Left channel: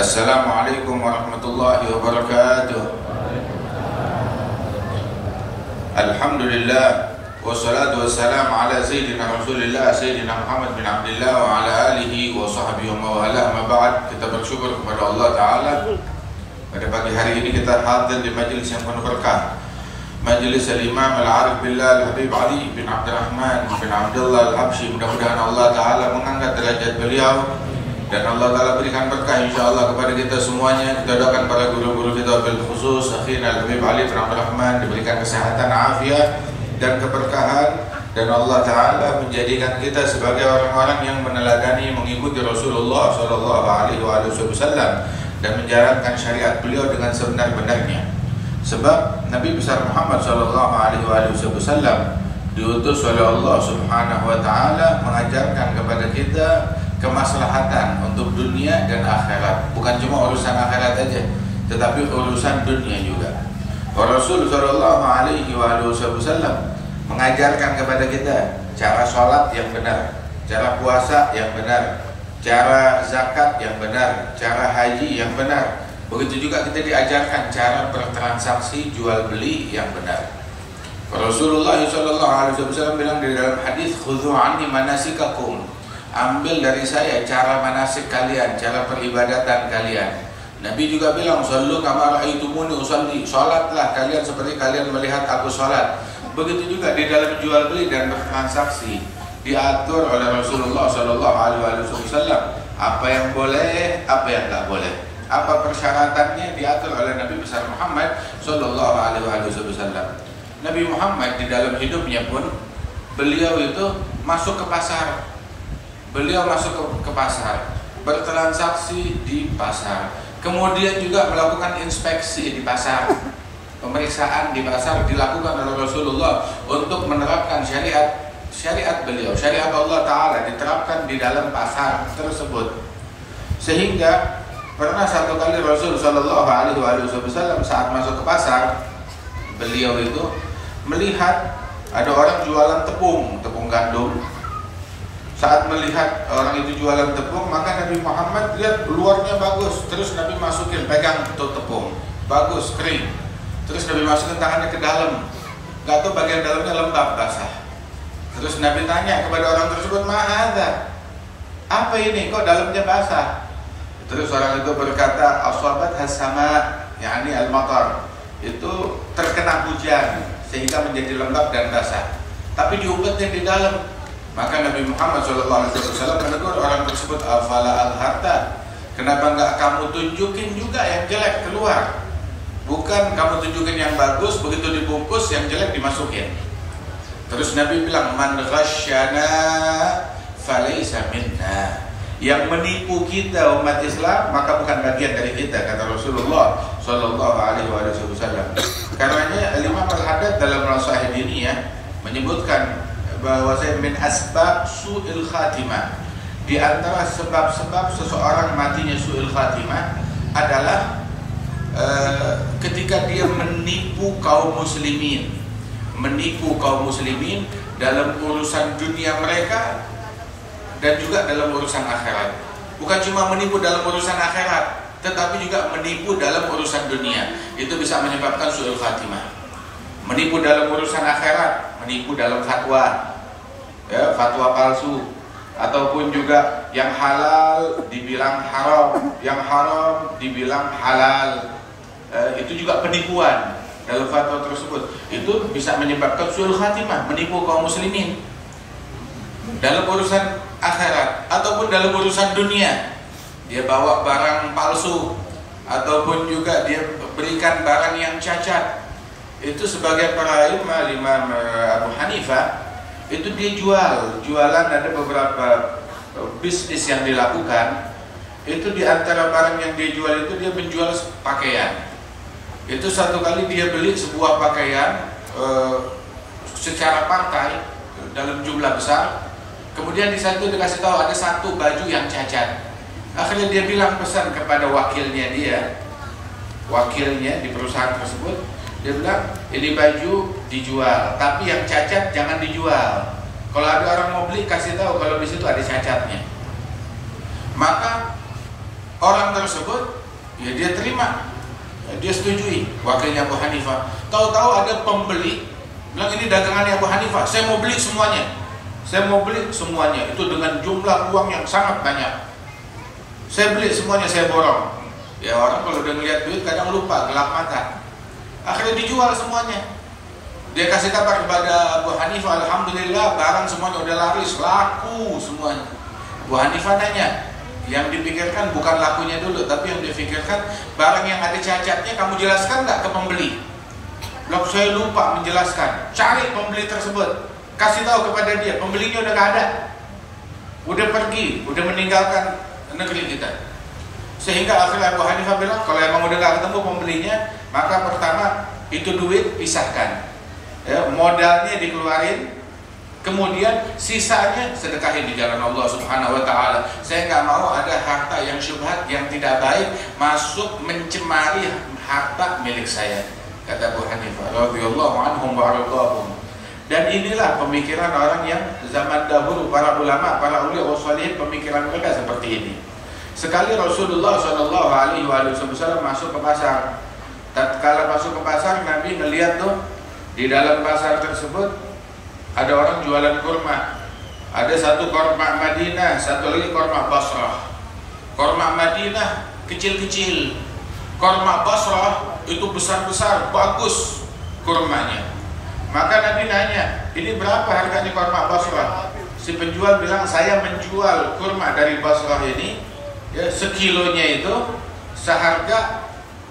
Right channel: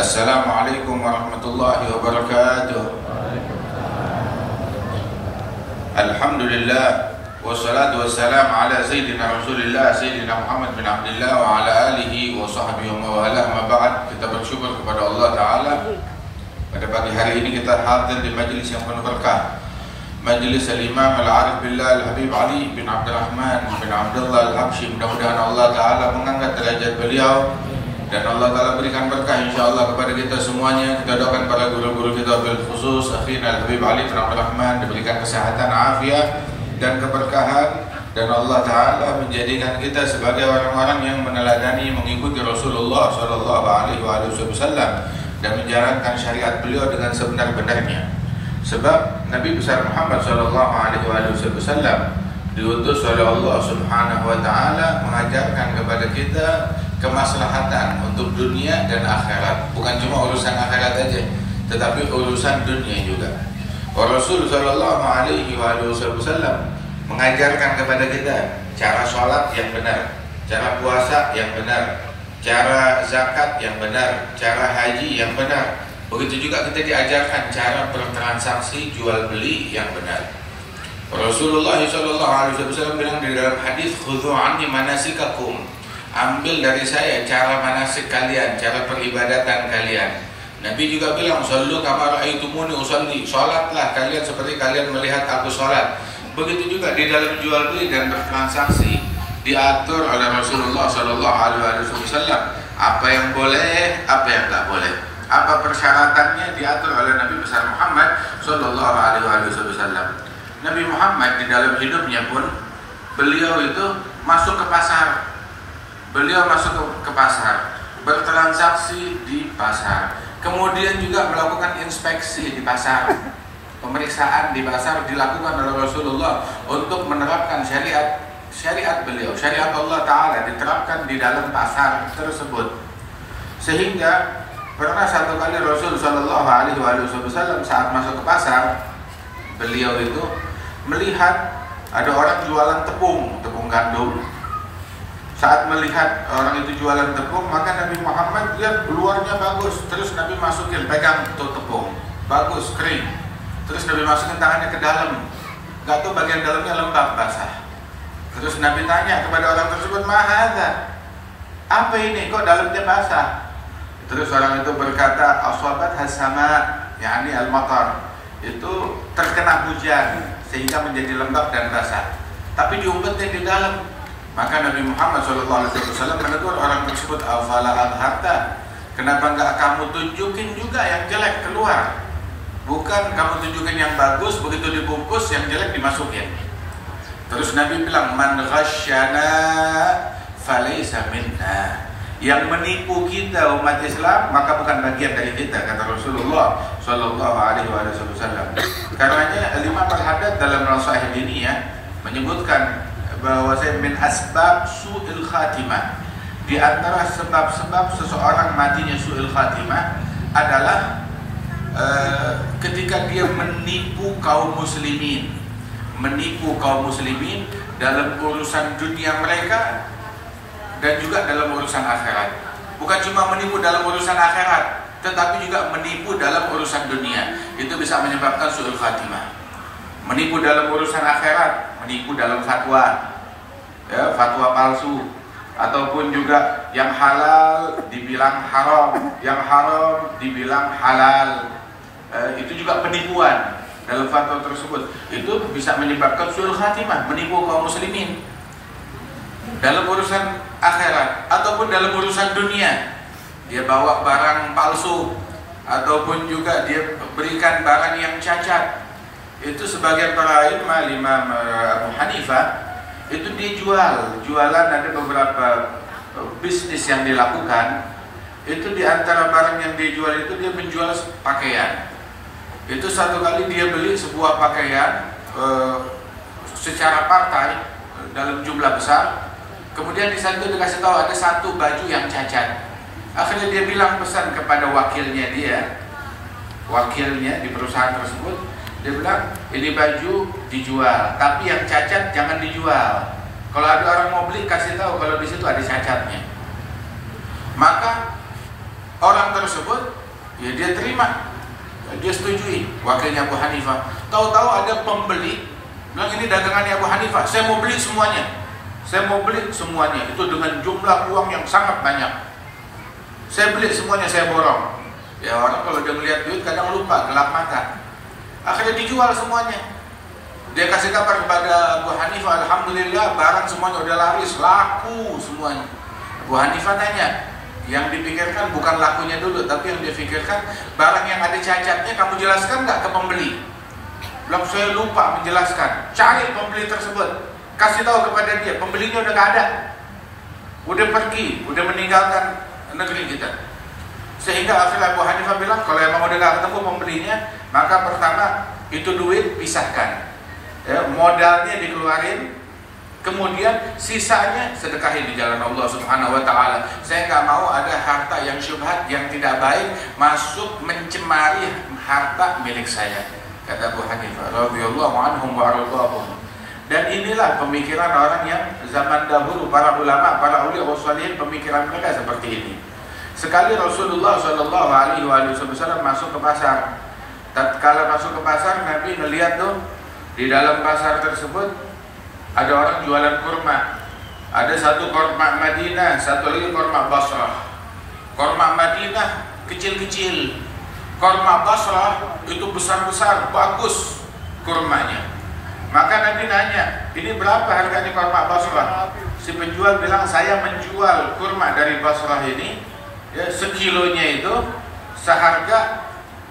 Assalamualaikum warahmatullahi wabarakatuh. Alhamdulillah wassalatu wassalamu ala sayyidina Rasulillah sayyidina Muhammad bin Abdullah wa ala alihi wa sahbihi wa wala ma ba'd. Kita bersyukur kepada Allah Ta'ala pada pagi hari ini kita hadir di majlis yang penuh berkah, Majlis Al-Imam Al-Arif Billah Al-Habib Ali bin Abdurrahman bin Abdullah Al-Habsyi. Mudah-mudahan Allah Ta'ala mengangkat derajat beliau dan Allah Ta'ala berikan berkah insyaAllah kepada kita semuanya. Kita doakan para guru-guru kita bil khusus akhina Al-Habib Ali bin Abdurrahman diberikan kesehatan, afiat dan keberkahan, dan Allah Ta'ala menjadikan kita sebagai orang-orang yang meneladani mengikuti Rasulullah SAW dan menjalankan syariat beliau dengan sebenar-benarnya. Sebab Nabi besar Muhammad SAW diutus oleh Allah Subhanahu wa Ta'ala mengajarkan kepada kita kemaslahatan untuk dunia dan akhirat. Bukan cuma urusan akhirat aja, tetapi urusan dunia juga. Rasul sallallahu alaihi wasallam mengajarkan kepada kita cara sholat yang benar, cara puasa yang benar, cara zakat yang benar, cara haji yang benar. Begitu juga kita diajarkan cara bertransaksi jual beli yang benar. Rasulullah sallallahu alaihi wasallam bilang di dalam hadis, "Khudhu anni manasikakum." Ambil dari saya cara manasik kalian, cara peribadatan kalian. Nabi juga bilang, "Shallu kama ra'aitumuni usalli." Salatlah kalian seperti kalian melihat aku salat. Begitu juga di dalam jual beli dan bertransaksi diatur oleh Rasulullah sallallahu alaihi wasallam apa yang boleh, apa yang tak boleh. Apa persyaratannya diatur oleh Nabi besar Muhammad sallallahu alaihi wasallam. Nabi Muhammad di dalam hidupnya pun beliau itu masuk ke pasar. Beliau masuk ke pasar, bertransaksi di pasar. Kemudian juga melakukan inspeksi di pasar. Pemeriksaan di pasar dilakukan oleh Rasulullah untuk menerapkan syariat beliau. Syariat Allah Ta'ala diterapkan di dalam pasar tersebut. Sehingga pernah satu kali Rasul Sallallahu Alaihi Wasallam saat masuk ke pasar, beliau itu melihat ada orang jualan tepung gandum. Saat melihat orang itu jualan tepung, maka Nabi Muhammad lihat luarnya bagus. Terus Nabi masukin, pegang tuh tepung, bagus, kering. Terus Nabi masukin tangannya ke dalam, gak tahu bagian dalamnya lembab, basah. Terus Nabi tanya kepada orang tersebut, "Ma hadza?" Apa ini? Kok dalamnya basah? Terus orang itu berkata, "Aswabat hasama," yakni al-matar. Itu terkena hujan sehingga menjadi lembab dan basah. Tapi diumpetnya di dalam. Maka Nabi Muhammad SAW menegur orang tersebut, "Afala adharta?" Kenapa enggak kamu tunjukin juga yang jelek keluar? Bukan kamu tunjukin yang bagus, begitu dibungkus yang jelek dimasukin. Terus Nabi bilang, "Man ghasyana falaysa minna." Yang menipu kita umat Islam maka bukan bagian dari kita, kata Rasulullah sallallahu alaihi wasallam. Karenanya Imam Al-Haddad dalam Nasaih Diniyah menyebutkan bahwa min asbab su'il khatimah, di antara sebab-sebab seseorang matinya su'il khatimah adalah ketika dia menipu kaum muslimin dalam urusan dunia mereka dan juga dalam urusan akhirat. Bukan cuma menipu dalam urusan akhirat, tetapi juga menipu dalam urusan dunia. Itu bisa menyebabkan su'il khatimah. Menipu dalam urusan akhirat, menipu dalam fatwa, ya, fatwa palsu, ataupun juga yang halal dibilang haram, yang haram dibilang halal. Itu juga penipuan dalam fatwa tersebut. Itu bisa menyebabkan su'ul khatimah, menipu kaum muslimin dalam urusan akhirat ataupun dalam urusan dunia. Dia bawa barang palsu ataupun juga dia berikan barang yang cacat. Itu sebagai para imam Abu Hanifah, itu dia jualan ada beberapa bisnis yang dilakukan. Itu di antara barang yang dia jual itu dia menjual pakaian. Itu satu kali dia beli sebuah pakaian secara partai dalam jumlah besar. Kemudian di situ dikasih tahu ada satu baju yang cacat. Akhirnya dia bilang pesan kepada wakilnya di perusahaan tersebut. Dia bilang, "Ini baju dijual, tapi yang cacat jangan dijual. Kalau ada orang mau beli kasih tahu kalau di situ ada cacatnya." Maka Orang tersebut, ya dia terima, dia setujui. Wakilnya Abu Hanifah. Tahu-tahu ada pembeli bilang, ini dagangannya Abu Hanifah, saya mau beli semuanya. Saya mau beli semuanya. Itu dengan jumlah uang yang sangat banyak. Saya beli semuanya, saya borong. Ya orang kalau dia melihat duit kadang lupa, gelap mata. Akhirnya dijual semuanya. Dia kasih kabar kepada Abu Hanifah, alhamdulillah barang semuanya udah laris, laku semuanya. Abu Hanifah tanya, yang dipikirkan bukan lakunya dulu, tapi yang dipikirkan barang yang ada cacatnya kamu jelaskan nggak ke pembeli? Belum, saya lupa menjelaskan. Cari pembeli tersebut, kasih tahu kepada dia, pembelinya udah nggak ada, udah pergi, udah meninggalkan negeri kita. Sehingga akhirnya Abu Hanifah bilang, kalau emang udah nggak ketemu pembelinya, maka pertama itu duit pisahkan, ya, modalnya dikeluarin, kemudian sisanya sedekahin di jalan Allah Subhanahu wa taala. Saya nggak mau ada harta yang syubhat, yang tidak baik masuk mencemari harta milik saya, kata Abu Hanifah radhiyallahu anhum wa radhahum. Dan inilah pemikiran orang yang zaman dahulu, para ulama, para ulama wasalih, pemikiran mereka seperti ini. Sekali Rasulullah sallallahu alaihi wasallam masuk ke pasar. Tatkala masuk ke pasar, Nabi melihat tuh di dalam pasar tersebut ada orang jualan kurma. Ada satu kurma Madinah, satu lagi kurma Basrah. Kurma Madinah kecil-kecil, kurma Basrah itu besar-besar, bagus kurmanya. Maka Nabi nanya, ini berapa harganya kurma Basrah? Si penjual bilang, saya menjual kurma dari Basrah ini, ya, sekilonya itu seharga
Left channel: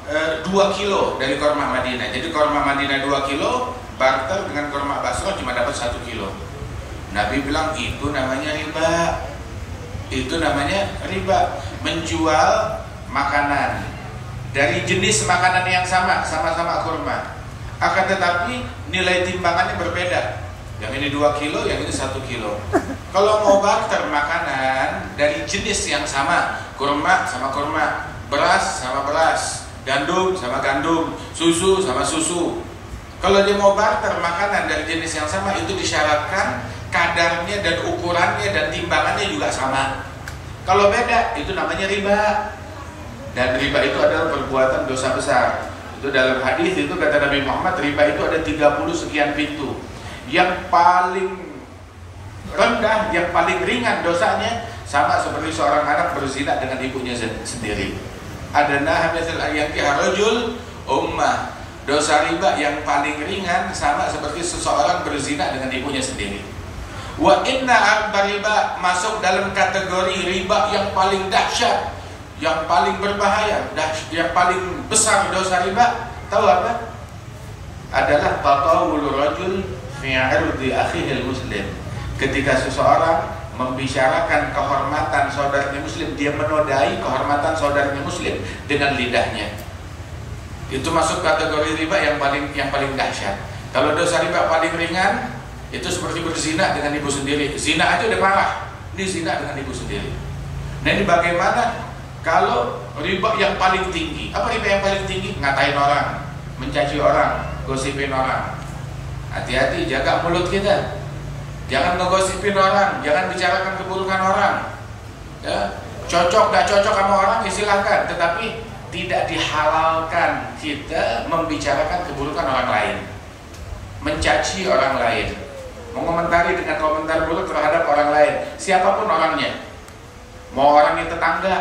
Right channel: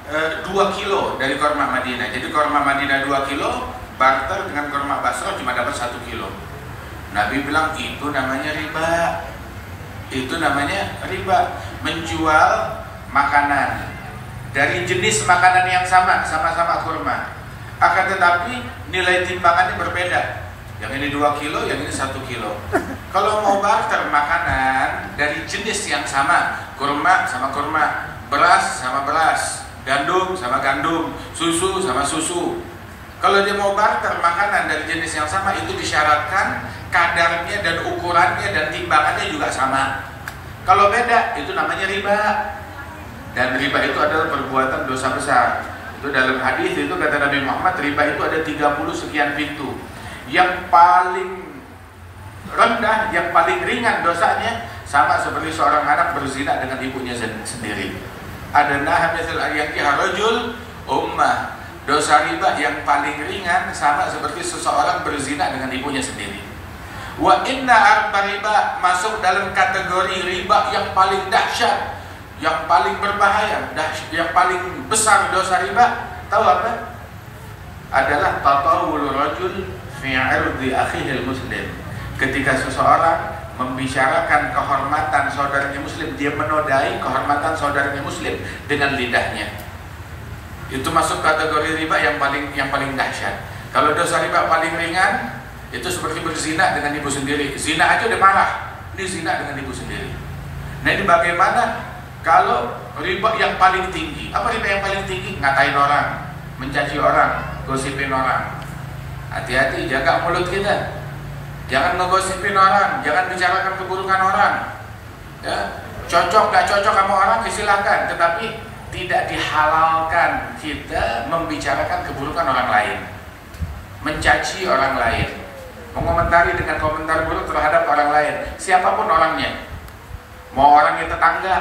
2 kilo dari kurma Madinah. Jadi kurma Madinah 2 kilo barter dengan kurma Basrah cuma dapat 1 kilo. Nabi bilang, itu namanya riba. Itu namanya riba. Menjual makanan dari jenis makanan yang sama, sama-sama kurma, akan tetapi nilai timbangannya berbeda. Yang ini 2 kilo, yang ini 1 kilo. Kalau mau barter makanan dari jenis yang sama, kurma sama kurma, beras sama beras, gandum sama gandum, susu sama susu. Kalau dia mau barter makanan dari jenis yang sama, itu disyaratkan kadarnya dan ukurannya dan timbangannya juga sama. Kalau beda, itu namanya riba. Dan riba itu adalah perbuatan dosa besar. Itu dalam hadis itu kata Nabi Muhammad, riba itu ada 30 sekian pintu. Yang paling rendah, yang paling ringan dosanya sama seperti seorang anak berzina dengan ibunya sendiri. Ada nahabiyatul ayyakiha rajul ummah. Dosa riba yang paling ringan sama seperti seseorang berzina dengan ibunya sendiri. Wa inna akbar riba masuk dalam kategori riba yang paling dahsyat, yang paling berbahaya, yang paling besar dosa riba. Tahu apa? Adalah tatawul rajul fi 'irdi akhihi muslim. Ketika seseorang membicarakan kehormatan saudaranya muslim, dia menodai kehormatan saudaranya muslim dengan lidahnya. Itu masuk kategori riba yang paling dahsyat. Kalau dosa riba paling ringan, itu seperti berzina dengan ibu sendiri. Zina aja udah parah, ini zina dengan ibu sendiri. Nah, ini bagaimana kalau riba yang paling tinggi? Apa riba yang paling tinggi? Ngatain orang, mencaci orang, gosipin orang. Hati-hati, jaga mulut kita. Jangan ngegosipin orang, jangan bicarakan keburukan orang. Ya, cocok gak cocok sama orang silakan, tetapi tidak dihalalkan kita membicarakan keburukan orang lain, mencaci orang lain, mengomentari dengan komentar buruk terhadap orang lain, siapapun orangnya, mau orangnya tetangga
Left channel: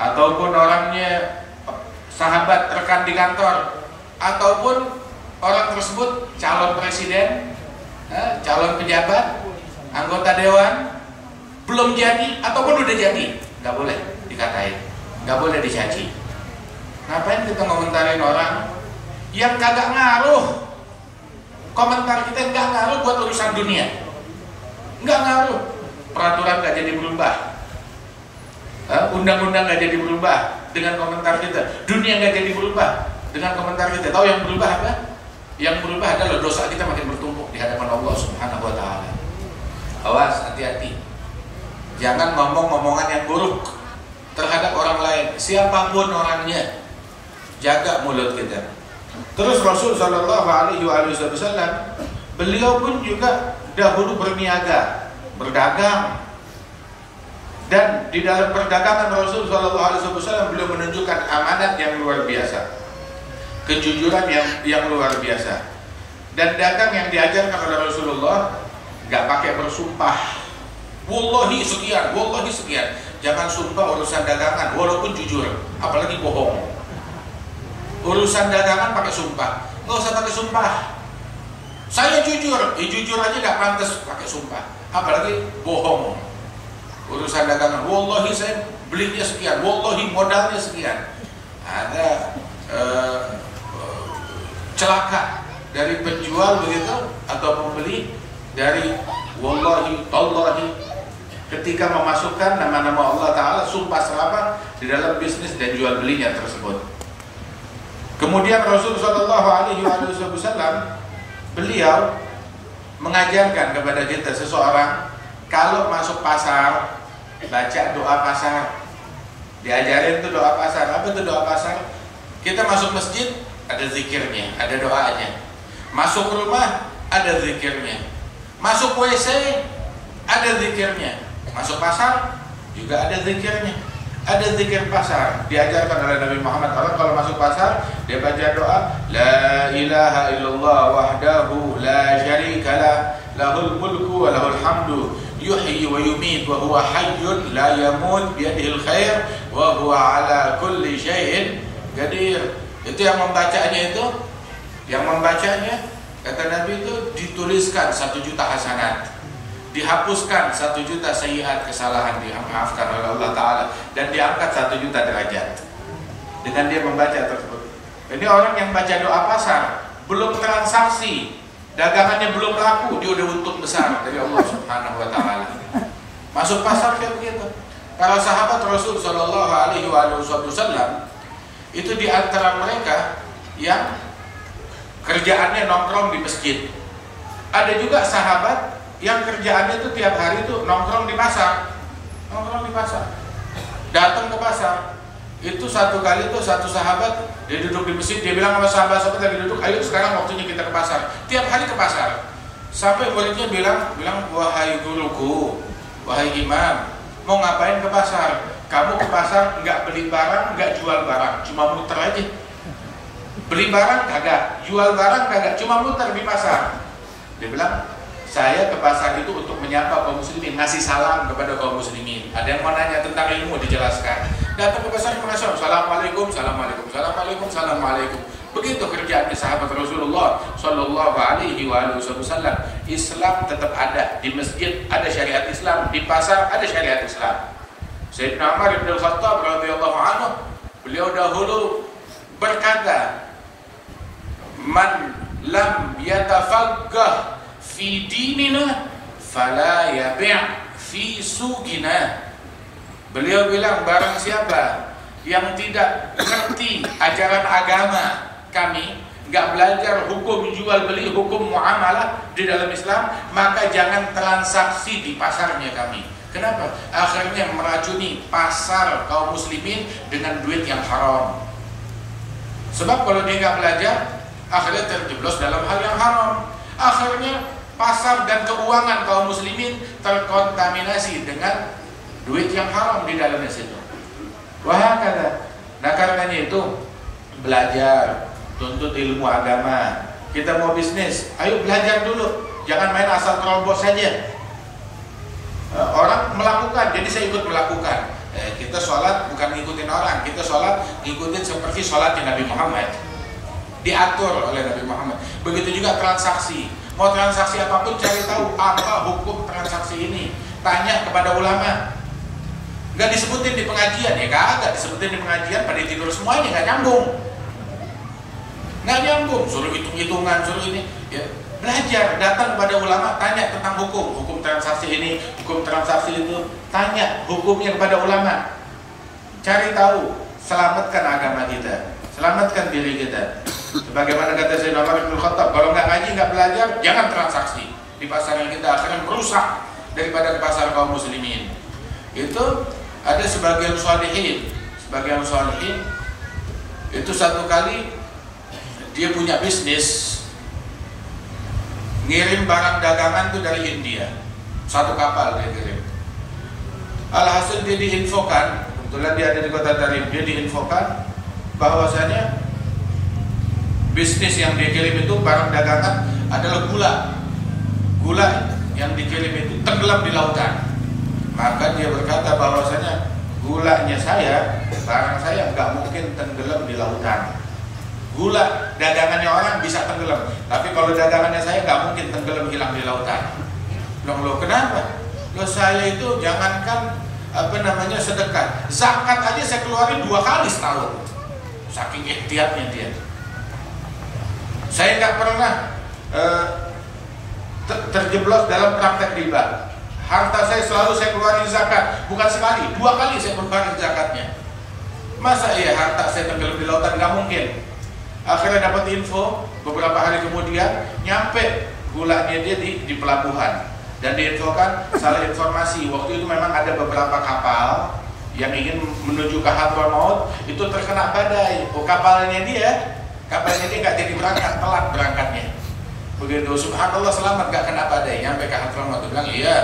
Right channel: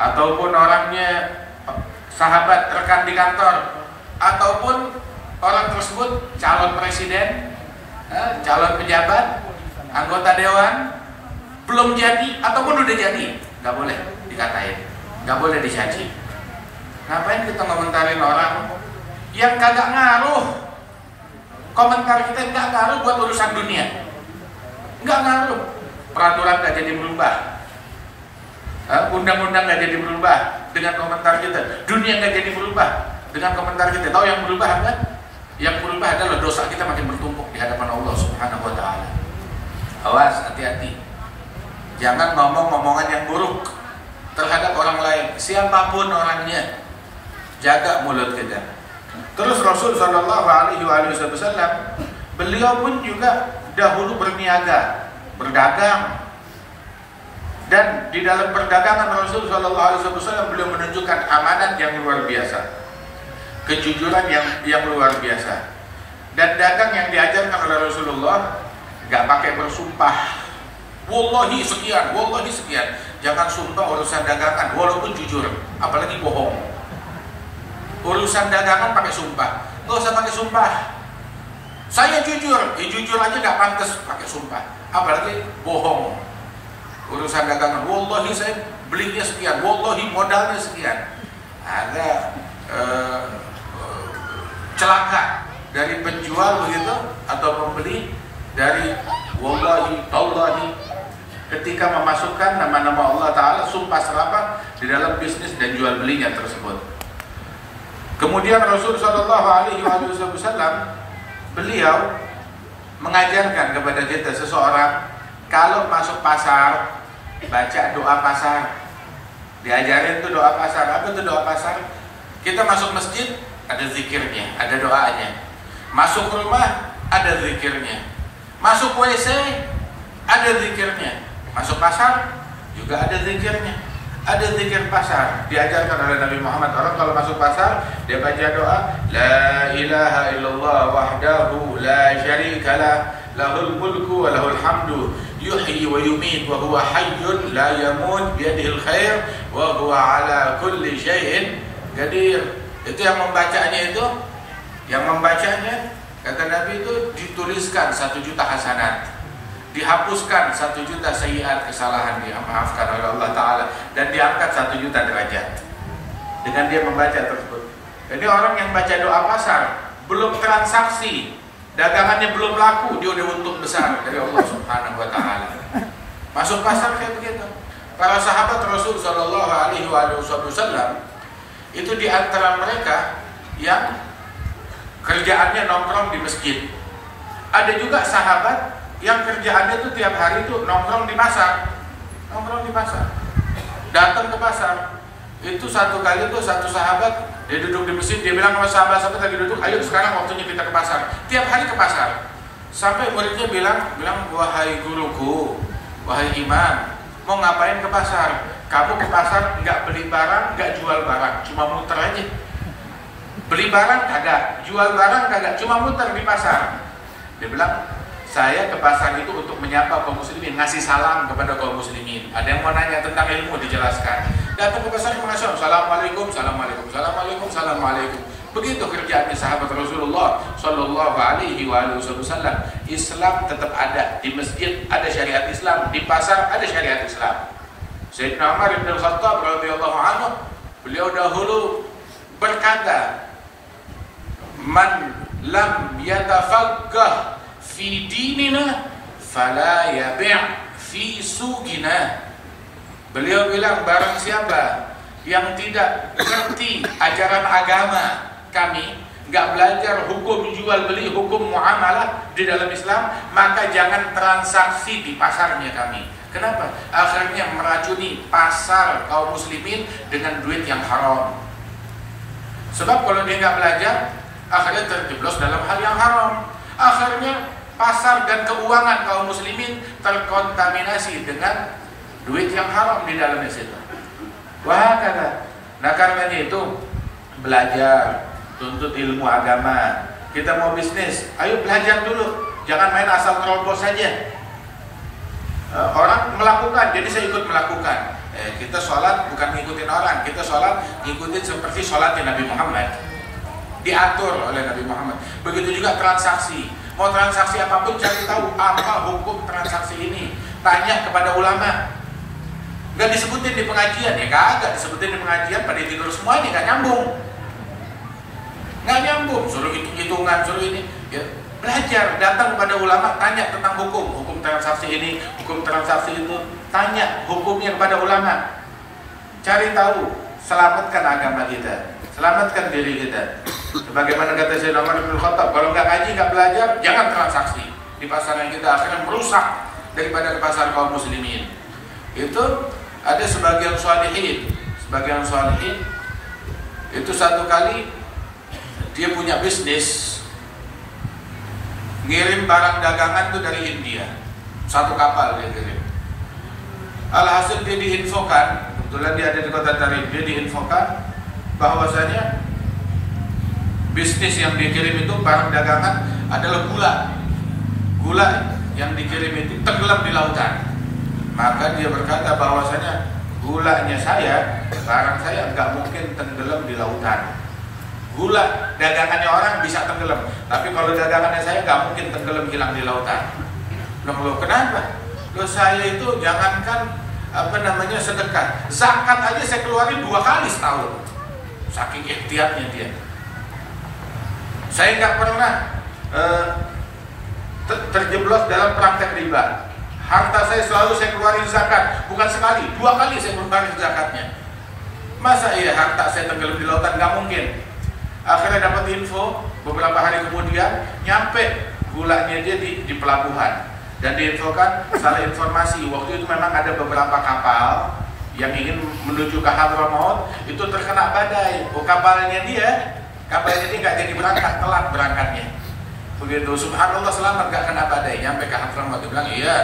ataupun orangnya sahabat rekan di kantor, ataupun orang tersebut calon presiden, calon pejabat, anggota dewan, belum jadi ataupun udah jadi, nggak boleh dikatain, nggak boleh dicaci. Ngapain kita ngomentarin orang yang kagak ngaruh? Komentar kita nggak ngaruh buat urusan dunia, nggak ngaruh. Peraturan nggak jadi berubah, undang-undang nggak jadi berubah dengan komentar kita, dunia nggak jadi berubah dengan komentar kita. Tahu yang berubah apa? Yang berubah adalah dosa kita makin bertumpuk di hadapan Allah Subhanahu wa taala. Awas, hati-hati. Jangan ngomong-ngomongan yang buruk terhadap orang lain, siapapun orangnya. Jaga mulut kita. Terus Rasul sallallahu alaihi wasallam, beliau pun juga dahulu berniaga, berdagang. Dan di dalam perdagangan Rasul Shallallahu Alaihi Wasallam beliau menunjukkan amanat yang luar biasa, kejujuran yang luar biasa. Dan dagang yang diajarkan oleh Rasulullah nggak pakai bersumpah. Wallahi sekian, wallahi sekian. Jangan sumpah urusan dagangan, walaupun jujur, apalagi bohong. Urusan dagangan pakai sumpah, nggak usah pakai sumpah. Saya jujur, jujur aja nggak pantas pakai sumpah, apalagi bohong. Urusan dagangan, wallahi saya belinya sekian, wallahi modalnya sekian. Ada celaka dari penjual begitu atau pembeli dari wallahi, tallahi, ketika memasukkan nama-nama Allah Ta'ala, sumpah serapah di dalam bisnis dan jual belinya tersebut. Kemudian Rasul Shallallahu Alaihi Wasallam beliau mengajarkan kepada kita, seseorang kalau masuk pasar baca doa pasar. Diajarin tuh doa pasar. Apa tuh doa pasar? Kita masuk masjid ada zikirnya, ada doanya. Masuk rumah ada zikirnya. Masuk WC ada zikirnya. Masuk pasar juga ada zikirnya. Ada zikir pasar. Diajarkan oleh Nabi Muhammad. Orang kalau masuk pasar dia baca doa La ilaha illallah wahdahu la syarikalah lahul mulku wa lahul hamdu yuhyi wa yumit wa huwa hayyun la yamut biyadihil khair wa huwa ala kulli syai'in qadir. Itu yang membacanya itu, yang membacanya kata Nabi itu dituliskan 1 juta hasanat, dihapuskan 1 juta sayiat, kesalahan dimaafkan oleh Allah Ta'ala, dan diangkat 1 juta derajat dengan dia membaca tersebut. Jadi orang yang baca doa pasar, belum transaksi, dagangannya belum laku, dia udah untung besar dari Allah Subhanahu wa Ta'ala. Masuk pasar kayak begitu. Para sahabat Rasul Shallallahu Alaihi Wasallam itu di antara mereka yang kerjaannya nongkrong di masjid. Ada juga sahabat yang kerjaannya itu tiap hari itu nongkrong di pasar. Nongkrong di pasar. Datang ke pasar. Itu satu kali tuh satu sahabat dia duduk di masjid, dia bilang sama sahabat-sahabat lagi duduk, ayo sekarang waktunya kita ke pasar. Tiap hari ke pasar. Sampai muridnya bilang, wahai guruku, wahai imam, mau ngapain ke pasar? Kamu ke pasar nggak beli barang, nggak jual barang, cuma muter aja. Beli barang kagak, jual barang kagak, cuma muter di pasar. Dia bilang, saya ke pasar itu untuk menyapa kaum muslimin, ngasih salam kepada kaum muslimin. Ada yang mau nanya tentang ilmu, dijelaskan. Datang ke pasar, assalamualaikum, assalamualaikum, assalamualaikum, assalamualaikum. Begitu kerjaannya sahabat Rasulullah Shallallahu Alaihi Wasallam. Islam tetap ada di masjid, ada syariat Islam, di pasar ada syariat Islam. Sayyidina Umar bin Khattab radhiyallahu anhu, beliau dahulu berkata, man lam yatafaqqah fi dinina fala yabi' fi suqina. Beliau bilang, barang siapa yang tidak mengerti ajaran agama kami, nggak belajar hukum jual beli, hukum muamalah di dalam Islam, maka jangan transaksi di pasarnya kami. Kenapa? Akhirnya meracuni pasar kaum muslimin dengan duit yang haram. Sebab kalau dia nggak belajar, akhirnya terjeblos dalam hal yang haram. Akhirnya pasar dan keuangan kaum muslimin terkontaminasi dengan duit yang haram di dalamnya situ. Wah, nah karena itu belajar, tuntut ilmu agama. Kita mau bisnis, ayo belajar dulu, jangan main asal terobos saja. Orang melakukan, jadi saya ikut melakukan. Kita sholat bukan ngikutin orang, kita sholat ngikutin seperti sholatnya Nabi Muhammad, diatur oleh Nabi Muhammad. Begitu juga transaksi, mau transaksi apapun cari tahu apa hukum transaksi ini, tanya kepada ulama. Gak disebutin di pengajian, ya kagak disebutin di pengajian, pada tidur semuanya, gak nyambung. Gak nyambung, suruh hitung-hitungan, suruh ini ya. Belajar, datang kepada ulama, tanya tentang hukum transaksi ini, hukum transaksi itu, tanya hukumnya kepada ulama. Cari tahu, selamatkan agama kita, selamatkan diri kita. Sebagaimana kata Sayyidina Umar bin Khattab, kalau nggak ngaji, nggak belajar, jangan transaksi di pasar yang kita akan merusak daripada pasar kaum muslimin. Itu ada sebagian sholihin itu satu kali dia punya bisnis ngirim barang dagangan tuh dari India, satu kapal dia kirim. Alhasil dia diinfokan, kebetulan dia ada di kota Tarim, dia diinfokan bahwasanya bisnis yang dia kirim itu barang dagangan adalah gula. Gula yang dikirim itu tenggelam di lautan. Maka dia berkata bahwasanya gulanya saya, barang saya nggak mungkin tenggelam di lautan. Gula dagangannya orang bisa tenggelam, tapi kalau dagangannya saya nggak mungkin tenggelam hilang di lautan. Loh, kenapa? Loh, saya itu jangankan sedekah, zakat aja saya keluarin 2 kali setahun, saking ikhtiarnya dia. Saya nggak pernah terjeblos dalam praktek riba. Harta saya selalu saya keluarin zakat, bukan sekali, 2 kali saya keluarin zakatnya. Masa iya harta saya tenggelam di lautan? Nggak mungkin. Akhirnya dapat info beberapa hari kemudian, nyampe gulanya dia di pelabuhan. Dan diinfokan salah informasi. Waktu itu memang ada beberapa kapal yang ingin menuju ke Hadramaut, itu terkena badai. Kapalnya dia nggak jadi berangkat, telat berangkatnya. Begitu, subhanallah, selamat nggak kena badai. Nyampe ke Hadramaut, dia bilang iya,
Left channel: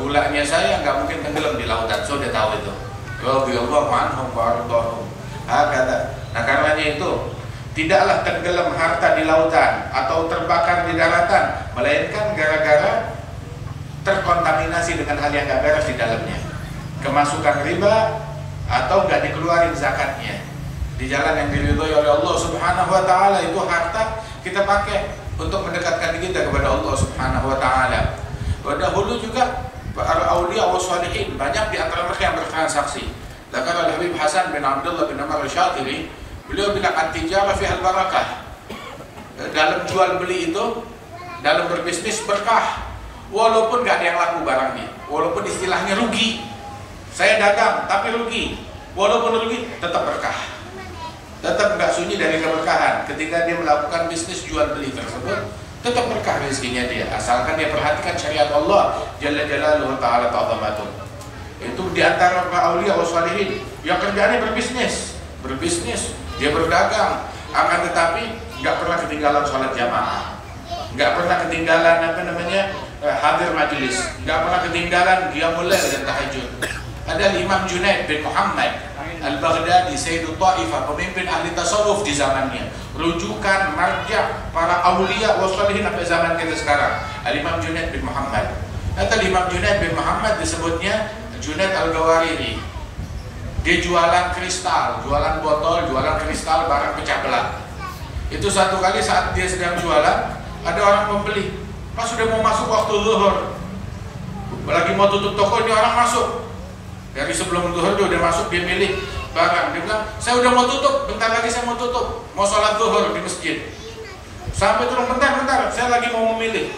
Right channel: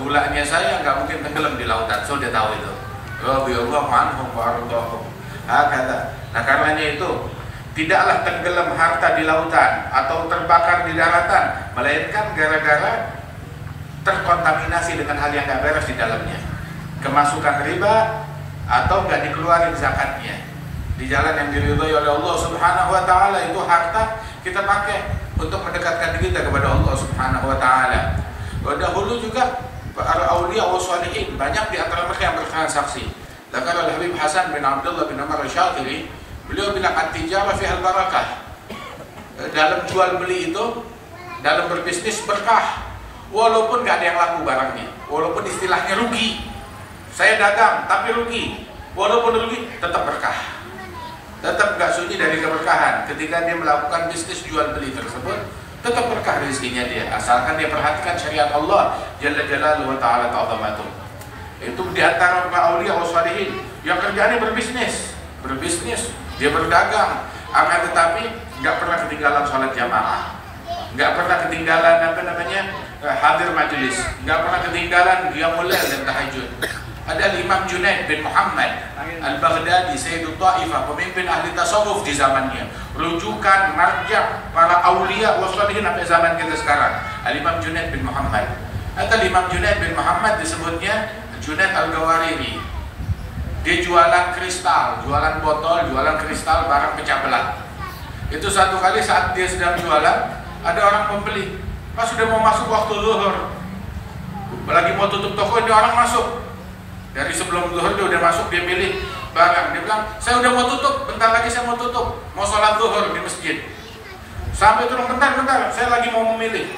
gulanya saya nggak mungkin tenggelam di lautan. So dia tahu itu. Radhiyallahu anhum wa ardhahum. Nah karenanya itu tidaklah tenggelam harta di lautan atau terbakar di daratan, melainkan gara-gara terkontaminasi dengan hal yang gak beres di dalamnya, kemasukan riba atau gak dikeluarin zakatnya di jalan yang diridhoi oleh Allah Subhanahu wa taala. Itu harta kita pakai untuk mendekatkan diri kita kepada Allah Subhanahu wa taala. Dahulu juga para aulia wa shalihin banyak di antara mereka yang bertransaksi. Lakar Al-Habib Hasan bin Abdullah bin Amr Syatiri, beliau bilang at-tijarah fiha al-barakah. Dalam jual beli itu, dalam berbisnis berkah. Walaupun gak ada yang laku barangnya, walaupun istilahnya rugi, saya dagang tapi rugi, walaupun rugi tetap berkah, tetap gak sunyi dari keberkahan. Ketika dia melakukan bisnis jual beli tersebut, tetap berkah rezekinya dia, asalkan dia perhatikan syariat Allah Jalla Jalaluhu wa ta'ala ta'zamatuh. Itu diantara para aulia wa shalihin yang kerjaannya berbisnis, dia berdagang, akan tetapi gak pernah ketinggalan sholat jamaah, nggak pernah ketinggalan hadir majelis, nggak pernah ketinggalan qiyamul lail dan tahajud. Ada Imam Junaid bin Muhammad Al-Baghdadi, Sayyidut Ta'ifah, pemimpin ahli tasawuf di zamannya, rujukan marja para aulia wa shalihin sampai zaman kita sekarang, Al-Imam Junaid bin Muhammad. Atau Imam Junaid bin Muhammad disebutnya Junaid Al-Gawariri. Dia jualan kristal, jualan botol, jualan kristal, barang pecah belah. Itu satu kali saat dia sedang jualan, ada orang membeli. Pas sudah mau masuk waktu zuhur, lagi mau tutup toko, dia orang masuk. Dari sebelum zuhur dia udah masuk, dia milih barang. Dia bilang, saya udah mau tutup, bentar lagi saya mau tutup, mau sholat zuhur di masjid. Sampai turun, bentar, saya lagi mau memilih.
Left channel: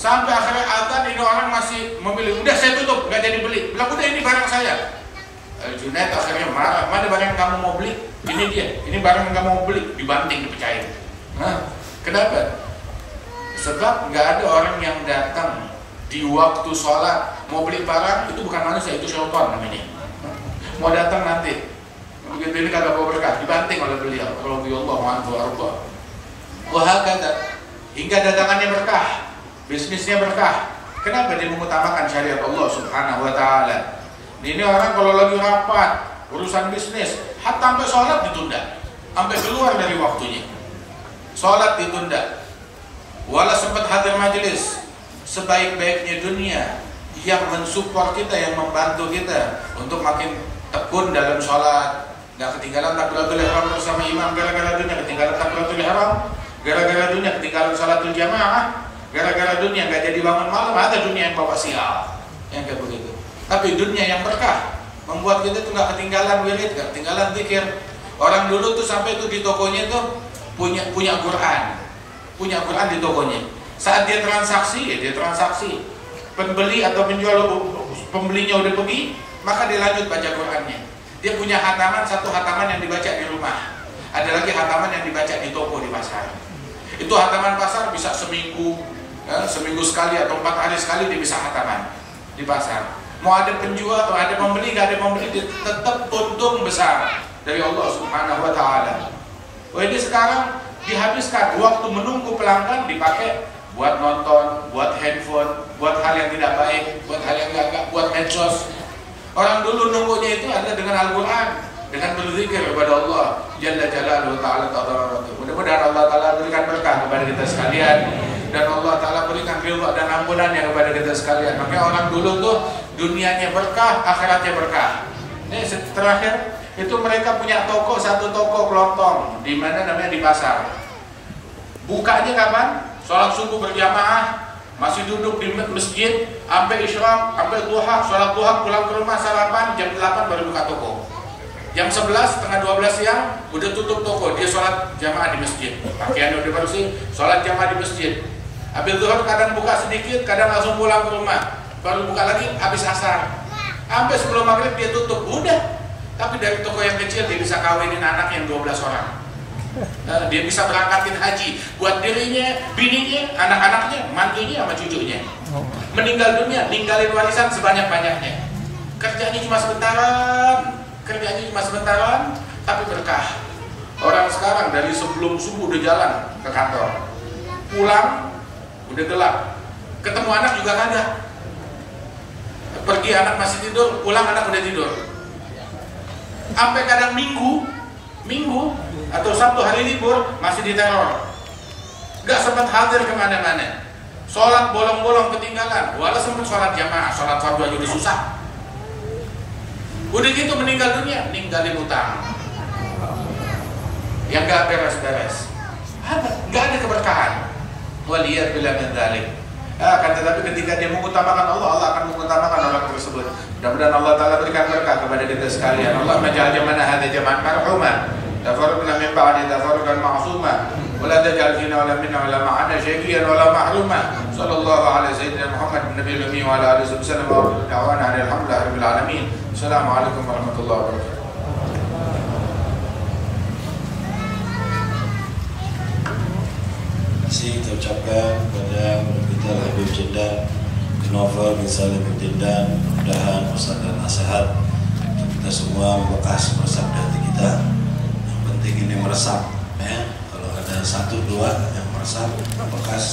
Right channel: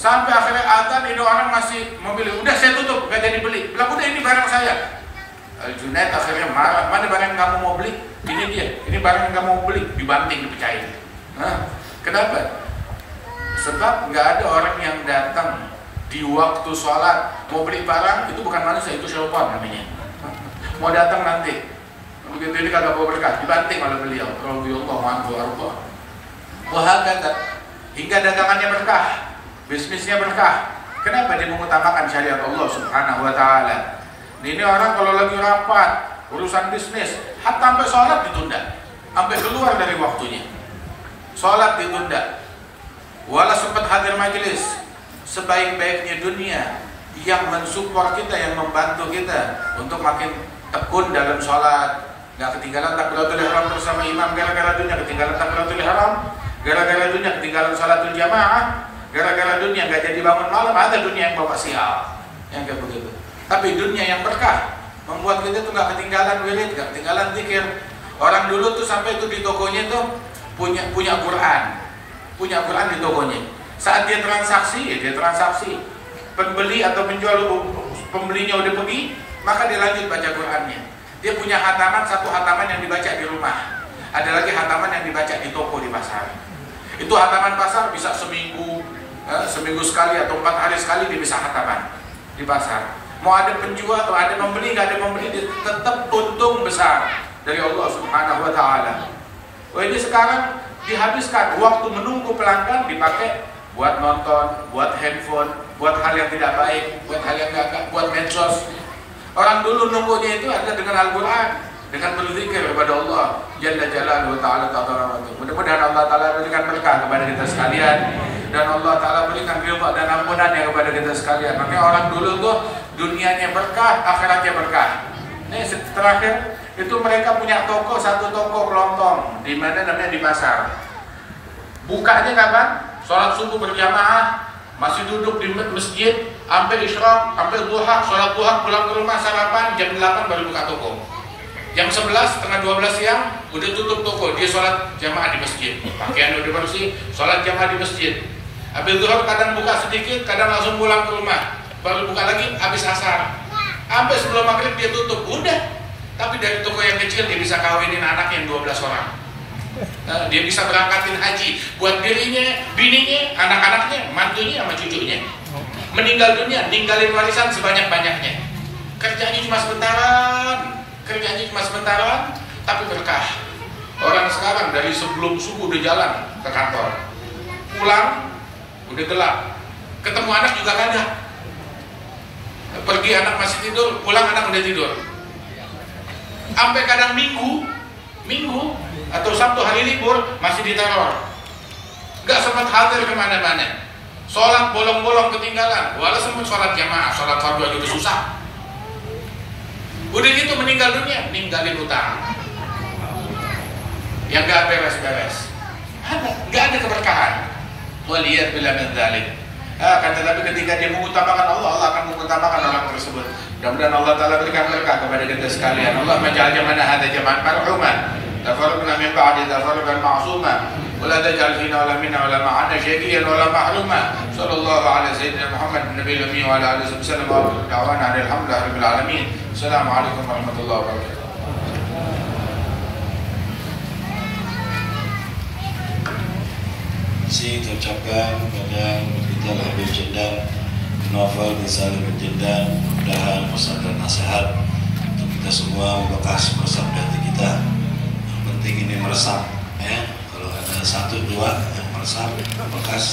Sampai akhirnya adzan, ini orang masih memilih. Udah saya tutup, gak jadi beli. Bilang, udah ini barang saya. Junaid akhirnya marah, mana barang yang kamu mau beli? Ini dia, ini barang yang kamu mau beli. Dibanting, dipecahin. Kenapa? Sebab nggak ada orang yang datang di waktu sholat mau beli barang, itu bukan manusia, itu syaitan namanya. Mau datang nanti, begitu ini kagak bawa berkah, dibanting oleh beliau. Radhiyallahu anhu warḍah. Wahakata, hingga dagangannya berkah, bisnisnya berkah. Kenapa dia mengutamakan syariat Allah Subhanahu wa taala? Ini orang kalau lagi rapat urusan bisnis, hatta sampai sholat ditunda, sampai keluar dari waktunya, sholat ditunda. Walau sempat hadir majelis, sebaik-baiknya dunia yang mensupport kita, yang membantu kita untuk makin tekun dalam sholat, nggak ketinggalan takbiratul ihram bersama imam gara-gara dunia, ketinggalan takbiratul ihram gara-gara dunia, ketinggalan sholatul jamaah gara-gara dunia, nggak jadi bangun malam, ada dunia yang bawa sial, yang kayak begitu. Tapi dunia yang berkah membuat kita tuh nggak ketinggalan wirid, nggak ketinggalan zikir. Orang dulu tuh sampai tuh di tokonya tuh punya Quran di tokonya. Saat dia transaksi, pembeli atau penjual, pembelinya udah pergi, maka dia lanjut baca Qurannya. Dia punya hataman, satu hataman yang dibaca di rumah, ada lagi hataman yang dibaca di toko, di pasar. Itu hataman pasar bisa seminggu sekali atau 4 hari sekali dia bisa hataman di pasar. Mau ada penjual atau ada pembeli, nggak ada pembeli, tetap untung besar dari Allah Subhanahu wa taala. Ini sekarang dihabiskan waktu menunggu pelanggan dipakai buat nonton, buat handphone, buat hal yang tidak baik, buat hal yang gak, buat medsos. Orang dulu nunggunya itu adalah dengan Al-Quran, dengan berzikir kepada Allah Jalla Jalaluhu Ta'ala Ta'ala. Mudah-mudahan Allah Ta'ala berikan berkah kepada kita sekalian, dan Allah Ta'ala berikan ridha dan ampunannya kepada kita sekalian. Makanya orang dulu tuh dunianya berkah, akhiratnya berkah. Ini terakhir itu mereka punya toko, satu toko kelontong di mana namanya di pasar. Bukanya kapan? Sholat subuh berjamaah, masih duduk di masjid sampai isyraq, sampai duha, sholat duha, pulang ke rumah sarapan, jam 8 baru buka toko. Jam 11, setengah 12 siang udah tutup toko, dia sholat jamaah di masjid. Pakaian udah bersih, sholat jamaah di masjid. Habis duha kadang buka sedikit, kadang langsung pulang ke rumah, baru buka lagi habis asar. Sampai sebelum maghrib dia tutup, udah. Tapi dari toko yang kecil dia bisa kawinin anak yang 12 orang. Dia bisa berangkatin haji buat dirinya, bininya, anak-anaknya, mantunya sama cucunya. Meninggal dunia, ninggalin warisan sebanyak-banyaknya. Kerjanya cuma sebentaran, tapi berkah. Orang sekarang dari sebelum subuh udah jalan ke kantor, pulang udah gelap, ketemu anak juga kagak. Pergi anak masih tidur, pulang anak udah tidur. Sampai kadang minggu atau Sabtu hari libur masih diteror, nggak sempat hadir kemana-mana. Sholat bolong-bolong ketinggalan, walau sempat sholat jamaah, sholat fardu aja udah susah. Udah gitu meninggal dunia, ninggalin utang yang nggak beres-beres, nggak ada keberkahan. Waliyad billah min dzalik. Akan tetapi ketika dia mengutamakan Allah, Allah akan mengutamakan orang tersebut. Mudah-mudahan Allah Ta'ala berikan berkah kepada kita sekalian. Allah maj'al jamana hadha jama'an marhuman, tafarruqna min ba'di tafarruqan ma'suma, wa la taj'al fina wa la minna wa la ma'ana syaqiyan wa la mahruma. Sallallahu ala sayyidina Muhammad nabiyil ummi wa ala alihi wasallam wa da'wana alhamdulillahi rabbil alamin. Assalamualaikum warahmatullahi wabarakatuh. Kita ucapkan kepada kita Habib Jeddah Novel Ghazali Jeddah, mudah-mudahan pesan dan nasihat untuk kita semua bekas meresap di hati kita. Yang penting ini meresap, ya. Kalau ada 1, 2 yang meresap bekas